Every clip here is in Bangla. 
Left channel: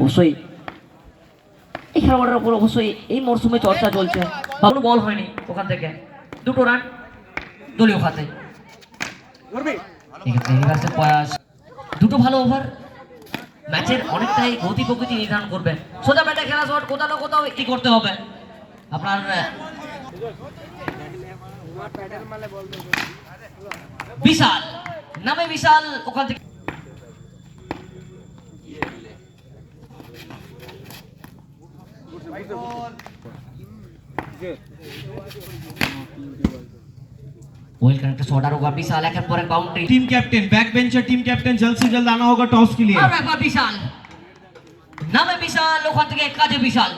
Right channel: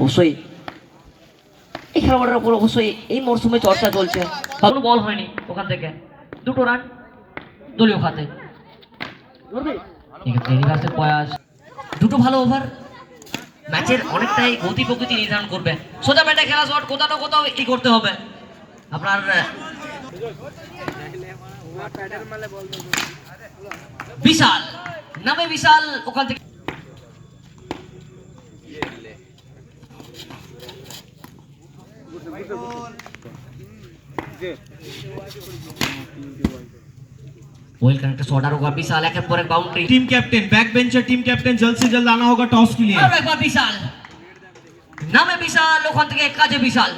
অবশ্যই এই খেলোয়াড়ের উপর অবশ্যই এই মরশুমে চর্চা চলছে। ভালো বল হয়নি ওখান থেকে, 2 রান দলীয় খাতে। প্রয়াস, 2 ভালো ওভার ম্যাচের অনেকটাই গতি প্রকৃতি নির্ধারণ করবে। সোজা ব্যাটে খেলা শট কোথাও না কোথাও কি করতে হবে আপনার। বিশাল নামে বিশাল ওখান থেকে वेल कनेक्ट शॉट होगा विशाल एक पर एक boundary. Team captain back bencher team captain जल्द से जल्द आना होगा टॉस के लिए। और एक बार विशाल नामे विशाल ওখান থেকে কাজে বিশাল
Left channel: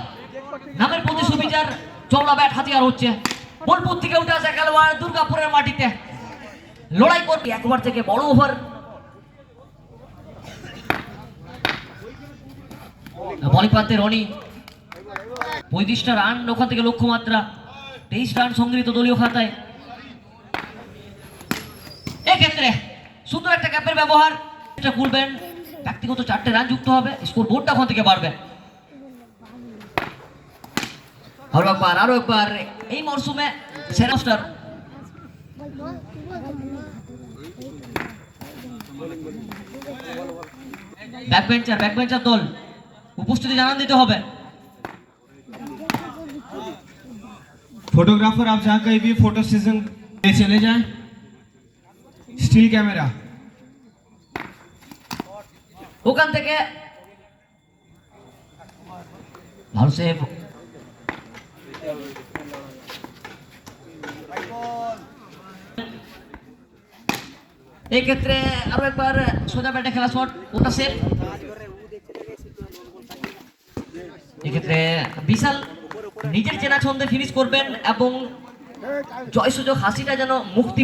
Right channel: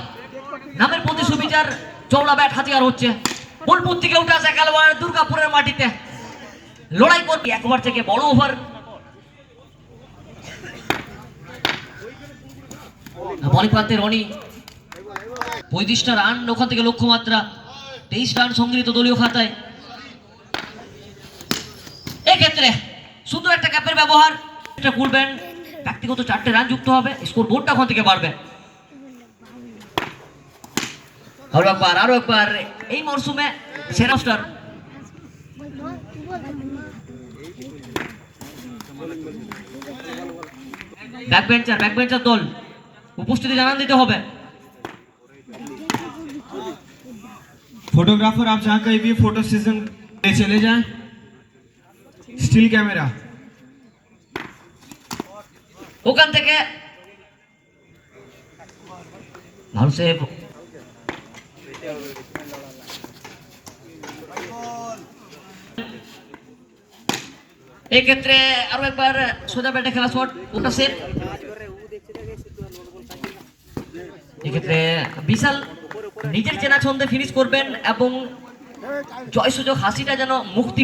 নামের প্রতি সুবিচার চওড়া ব্যাট হাতিয়ার হচ্ছে। বোলপুর থেকে উঠে আসা খেলোয়াড় দুর্গাপুরের মাটিতে লড়াই করবে একবার থেকে বড় ওভার। বলিং প্রান্তে রনি 35টা রান ওখান থেকে লক্ষ্যমাত্রা, 23 রান সংগৃহীত দলীয় খাতায়। এক্ষেত্রে সুন্দর একটা ক্যাপের ব্যবহার, এটা খুলবেন ব্যক্তিগত 4টে রান যুক্ত হবে, স্কোর বোর্ডটা ওখান থেকে বাড়বে। আরো একবার এই মরশুমে সেরা স্টার ব্যাকবেঞ্চার দল উপস্থিতি জানান দিতে হবে। फोटोग्राफर आप जहाँ कहीं भी फोटो सेशन चले जाएं। स्टिल कैमरा ওখান থেকে ভালো সেভ। এক্ষেত্রে আরো একবার সোজা ব্যাটে খেলা শট ওটা সেভ। এক্ষেত্রে বিশাল নিজের চেনা ছন্দে ফিনিশ করবেন এবং জয় সুযোগ হাসিটা যেন মুক্তি